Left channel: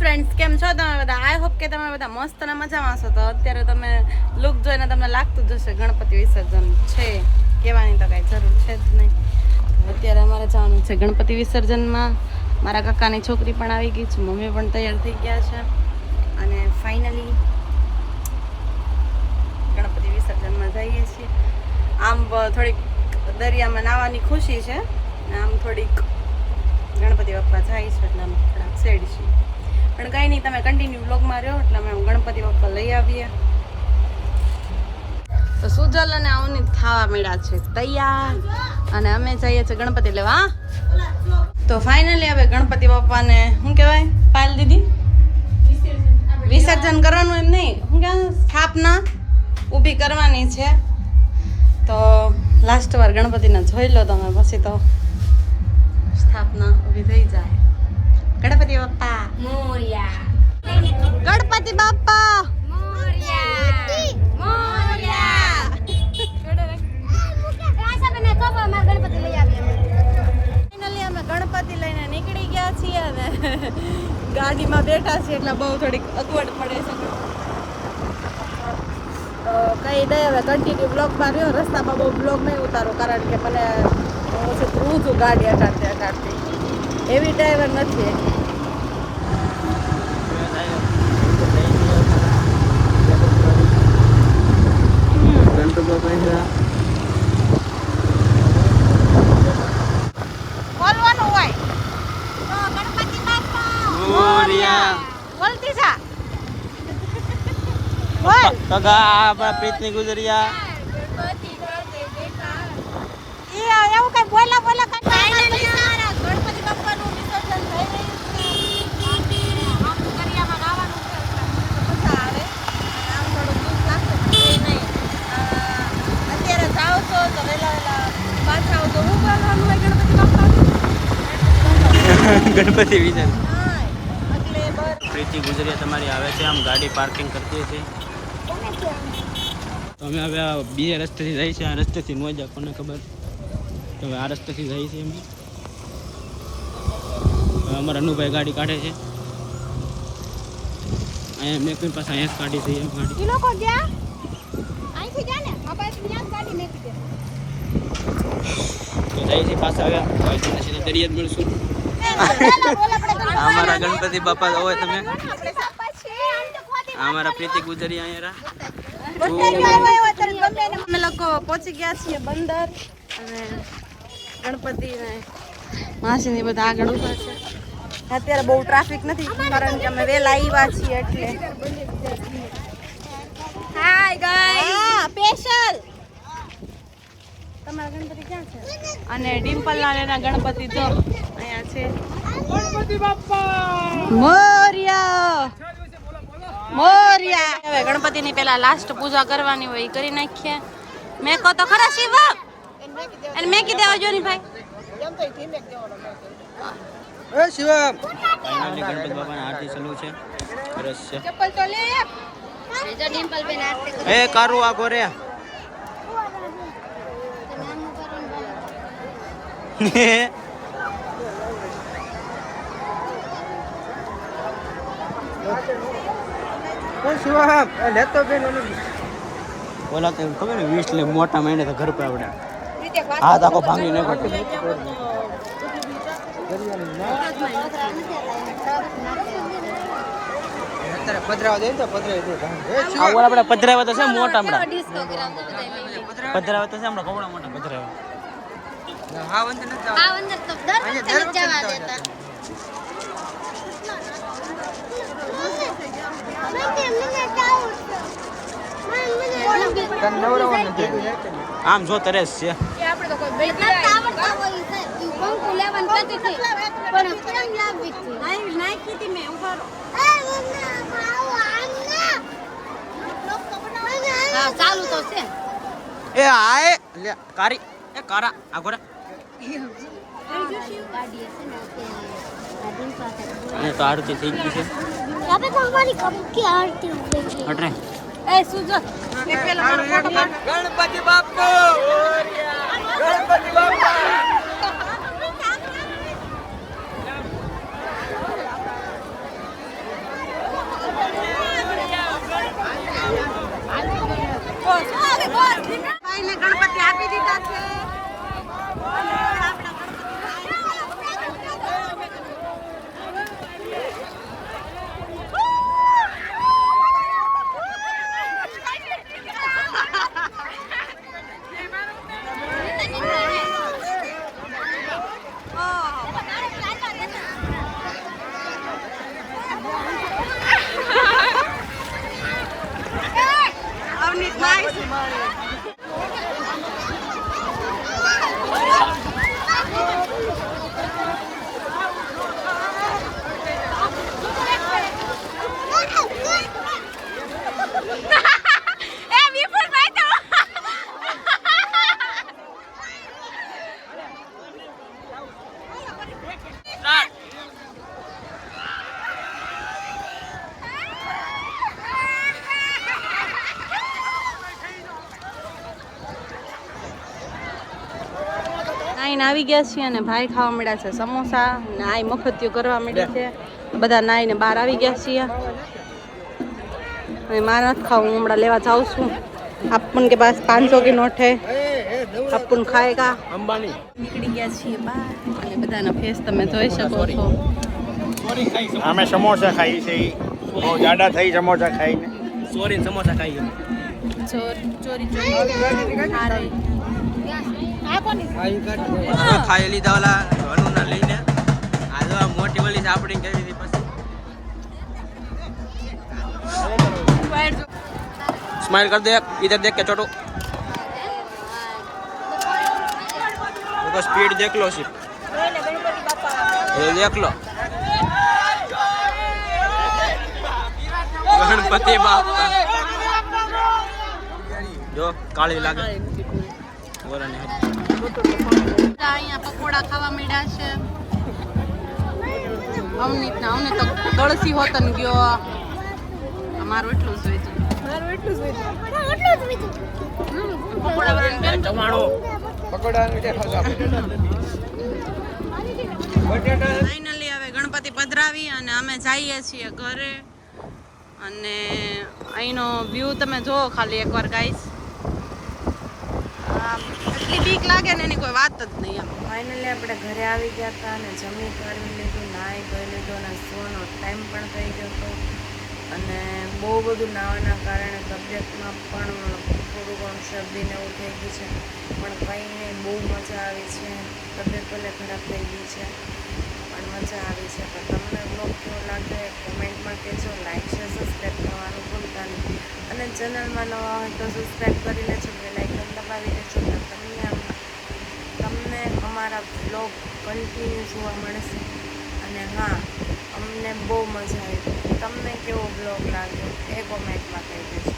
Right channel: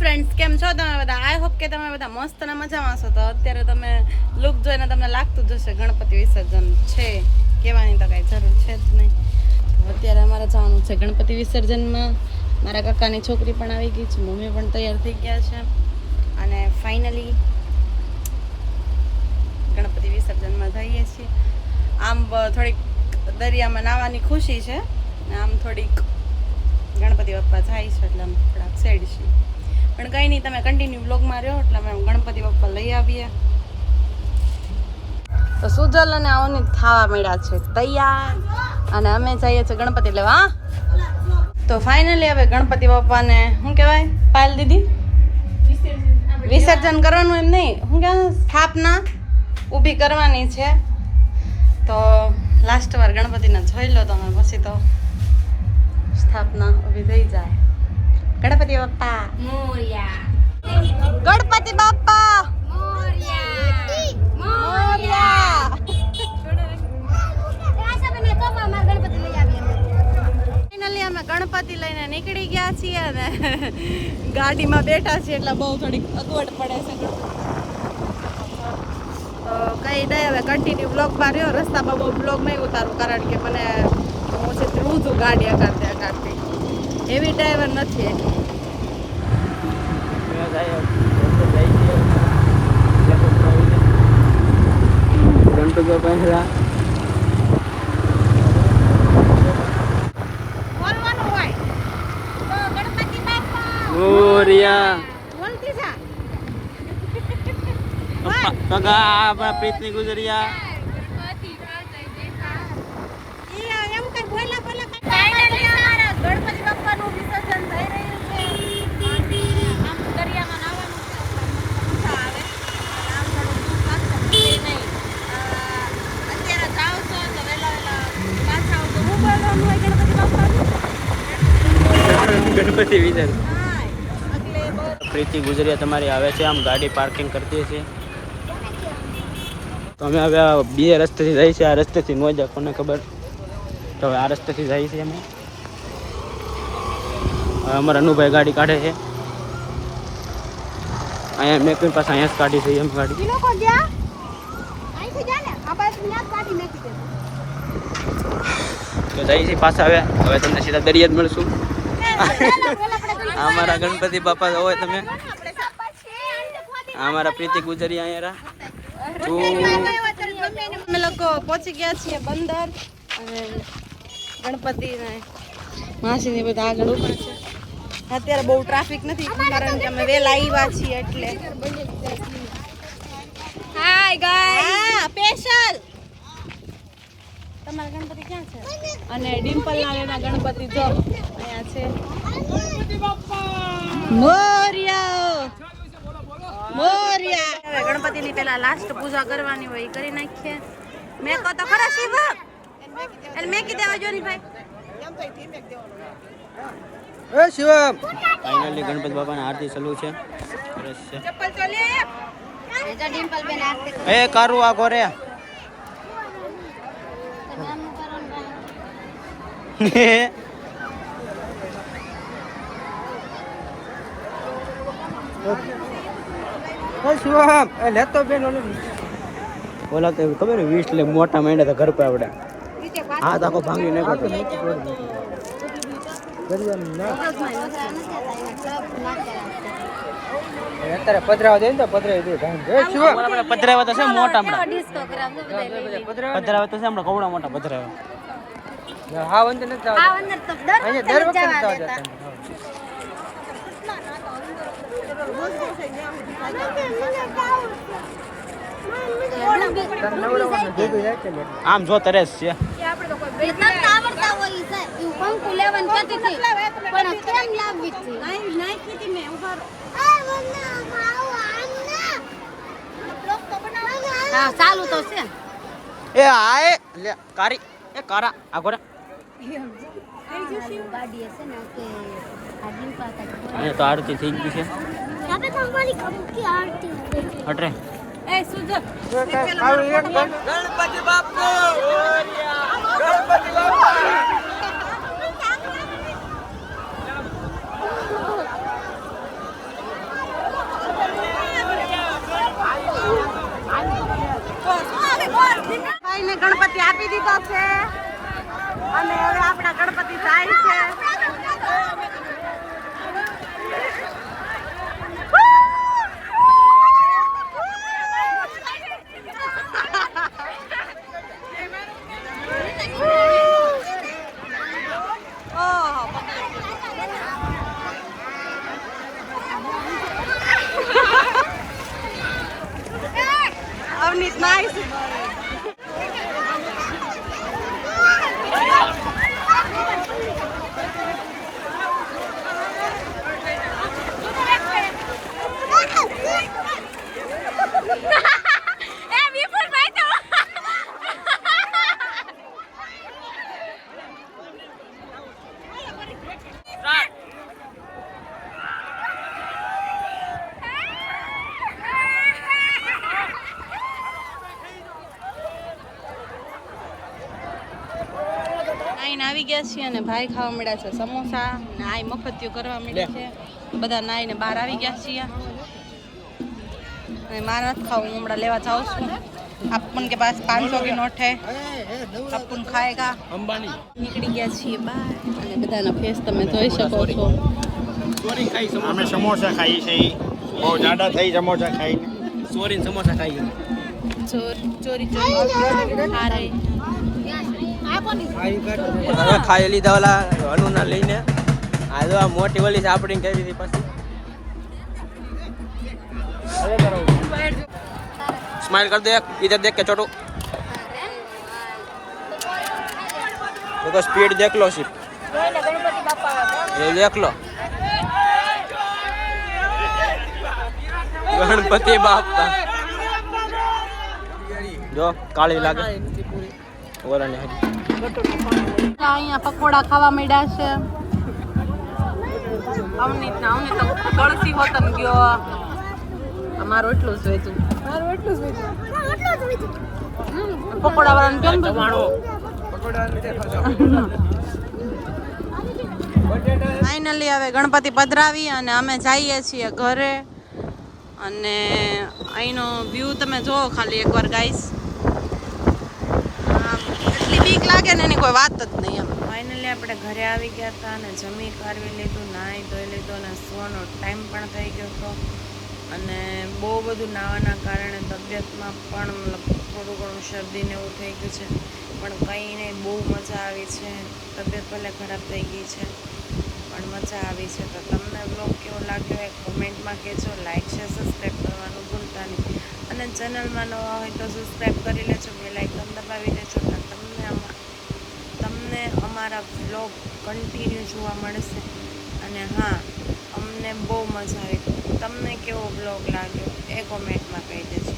Friends, કેમ છો તમે બધા? આઈ હોપ કે તમે બધા મસ્ત અને મજામાં છો. તો અત્યારે તમે લુક જોઈને તમને લાગતું જ હશે ગણપતિ વિસર્જન છે, કહેવાની તો કાંઈ જરૂર છે જ નહીં. તો અત્યારે અમારે જવાનું છે ગણપતિ વિસર્જનમાં. મારા કાકાની છોકરી પણ આવી ગઈ છે, મમ્મી પણ તૈયાર થઈ ગયા છે અને ફાઇનલી ગણપતિ વિસર્જનમાં જઈએ છીએ. આમ થોડીક દરિયામાં નાહવાની ખુશી છે, આમ થોડીક ગણપતિ બાપ્પા જાય છે એટલે અમે થોડાક સેડ છીએ. પણ કંઈ નહીં, તમે કન્ટિન્યુ બ્લોગમાં રહ્યો એટલે અમે ગણપતિ બાપ્પા લઈ આવીએ. તો સુજલ અને અવનીત ખાવા મળ્યા છે તૈયાર અને અમે જઈએ છીએ ગણપતિ લેવા. તો ફાઇનલી હવે ગણપતિ બાપ્પાને શું કહેવાય પાયલ દીદી, વિસર્જન કરવાનું એમ નહીં, શું કહેવાય સ્થાપના ઊભી કરવાની છે. તો લાસ્ટ વાર ગણપતિને જોઈ લો તમે, પછી તો સ્થાપના ઊભી થઈ જાય. ગણપતિ બાપ્પા મોરયા, ગણપતિ બાપ્પા મોરયા, મોરયા. ફાઇનલી અમે ગણપતિ લઈને નીકળી ગયા છીએ અને ગાડીમાં બેઠા છીએ એટલે બહુ થોડીક અગવડ પડે છે. તો કઈ નહીં, હવે કન્ટિન્યુ બ્લોગમાં રહ્યો. રસ્તામાં બહુ બ્લોગ નહીં ઉતારું કારણ કે મને પછી ધ્રુવ છું ગાડી અકાળતી એવી ડ્રાઈવર નથી. પ્રીતની ગુજરિયા ગણપતિ બાપ્પાનું વિસર્જન થઈ રહ્યું છે. આમ દરિયામાં નાહવાનું છે, મજા આવે. આમ થોડું દુઃખ લાગશે નહીં. અત્યારે જાઓ છો તો વહેલા પાછા આવો તો શું બોલવાનું હોય ગણપતિ બાપ્પાને? ગણપતિ વિસર્જન. પ્રીતિ ગુજરિયા તમારી આવે છે, આમ ગાડી પાર્કિંગ કરતી હતી. તો અમે હવે બે રસ્તેથી જઈએ છીએ. આ રસ્તેથી ન જાય કોને ખબર, તો હવે આ રસ્તેથી જઈએ છીએ અમે. અમારા અનુભાઈ ગાડી કાઢે છે અહીંયા. મેં કોઈ પાસે અહીંયા જ કાઢી છે એમ ગાડી. તો જઈએ છીએ પાછા. હવે તમને સીધા દરિયા જ મળશું. અમારા ગણપતિ બાપા હોય તમે, અમારા પ્રીતિ ગુજરિયા અહીંયા. અમે લોકો પહોંચી ગયા છીએ બંદર અને ગણપતિ ને માસીની બધા આગળ ઊભા છે. અત્યારે બહુ ટ્રાફિક નથી કારણ કે અમે વહેલા આવ્યા છીએ એટલે. હાય ગાઈસ, સ્પેશિયલ તમારા ગણપતિ ક્યાં છે? અને ડિમ્પલ ના એના ગણપતિ જો અહીંયા છે. ગણપતિ બાપ્પા મોરયા, મોરયા. હવે ગણપતિની પેલા લાસ્ટ પૂજા કરવાની હોય એ કરી નાખીએ. મેં કહો તો ખરા શિવ અને મેં કીધે આવજો ની ભાઈ. ફાઇનલી ગણપતિ બાપાના આરતી ચાલુ છે. સરસ છે. એ કારું આ ઘરે ઓલા તો ખબર ને 20 લે મોટા માંડ્યા તો ઘર પર આવડે હાથ આખો ભાંગી નાખો. પધરાવા તો છે મોટા હમણાં, પધરાવા તો છે હમણાં કવડા મોટા પધરાવા. હા અંદર નથી જવા અહીંયા દર વખતે નથી જવા જતા. આમ જો તરેસ છે. એ આય લે કારી એ કારા આગોરા તો આરતી થઈ ગઈ છે. હટરે એ સુજો ગણપતિ બાપા ગણપતિ બાપા દીધો છે અને આપણા ગણપતિ જાય છે. અવનીત નાઈસ. આવી ગયા છીએ અને ભાઈ ખાવા મળ્યા છે સમોસા ને આ મફતિયો કરવા મળી છે. બધા નાઈને બહાર આવી ગયા છીએ. મારે નથી ખાવું, હું હમણાં લેવા જાઉં છું. अपन के पास 500 की नोट है, अपन खाएगा. अंबानी નીકળી ગયા છીએ બહાર અને બધાના ફેસ તમે જોઈ શકો છો. અમે સમોસા ખાઈ છે, બહુ જાડા થઈ સમોસા ખાઈને. સોરી સમોસા ખાઈએ. ચોરી હારે ખાઈ લીધા ઓલા અનુના લઈને. આ જો આ મોટી ઓલી સાપડીને કરી દીધી પછી. स्माइल कर दे, इधर देख के छोटू. देखो स्पीड देख लो सिर्फ, ये देख लो. गणपति बाप्पा जो काली लागे ओरा ने हरी. અહીંયા પકોડા ખાવા મળ્યા છે. અવનીત તો ગળસી હોતન ગયો. અમારું એટલું જ હતું. પકોડા ફાઇનલી હવે ગણપતિ પધરાવી અને અમે જઈએ છીએ ઘરે. અને અહીંનો વ્યૂ તમે જુઓ ખાલી એકવાર ગાઈસ. એટલી બીક લાગે ને એની કોઈ વાત જ નહીં. એમ ફાઇનલી આપણે ઘરે આવી ગયા હતા અને જમી કાઢવી લીધું, નાહી ધોઈ લીધું અને સુવાનો ટાઈમ પણ થઈ ગયો હતો. અને બહુ બધું નાવાના કારણે તબિયતમાં પણ થોડું ઘણું શરદીને એવું થઈ ગયું છે, પણ કંઈ નહીં, બહુ મજા આવી છે. તબિયત ભલે ખરાબ થઈ ગઈ છે પણ મજા આવી છે. તો તમને બ્લોગ કેવો લાગ્યો એ કોમેન્ટમાં કહેજો. લાઈક શેર સબસ્ક્રાઈબ કરવાનું ભૂલતા નહીં અને ચેનલમાં નવા હોય તો સબસ્ક્રાઈબ કરી લેજો, બેલ આઇકન દબાવી દેજો તો તમને અમારા બ્લોગ કન્ટિન્યુ જોવા મળશે. અને હા, અમને બહુ મજા આવી. તમને કેવો બ્લોગ લાગ્યો એ કોમેન્ટમાં કહી દેજો.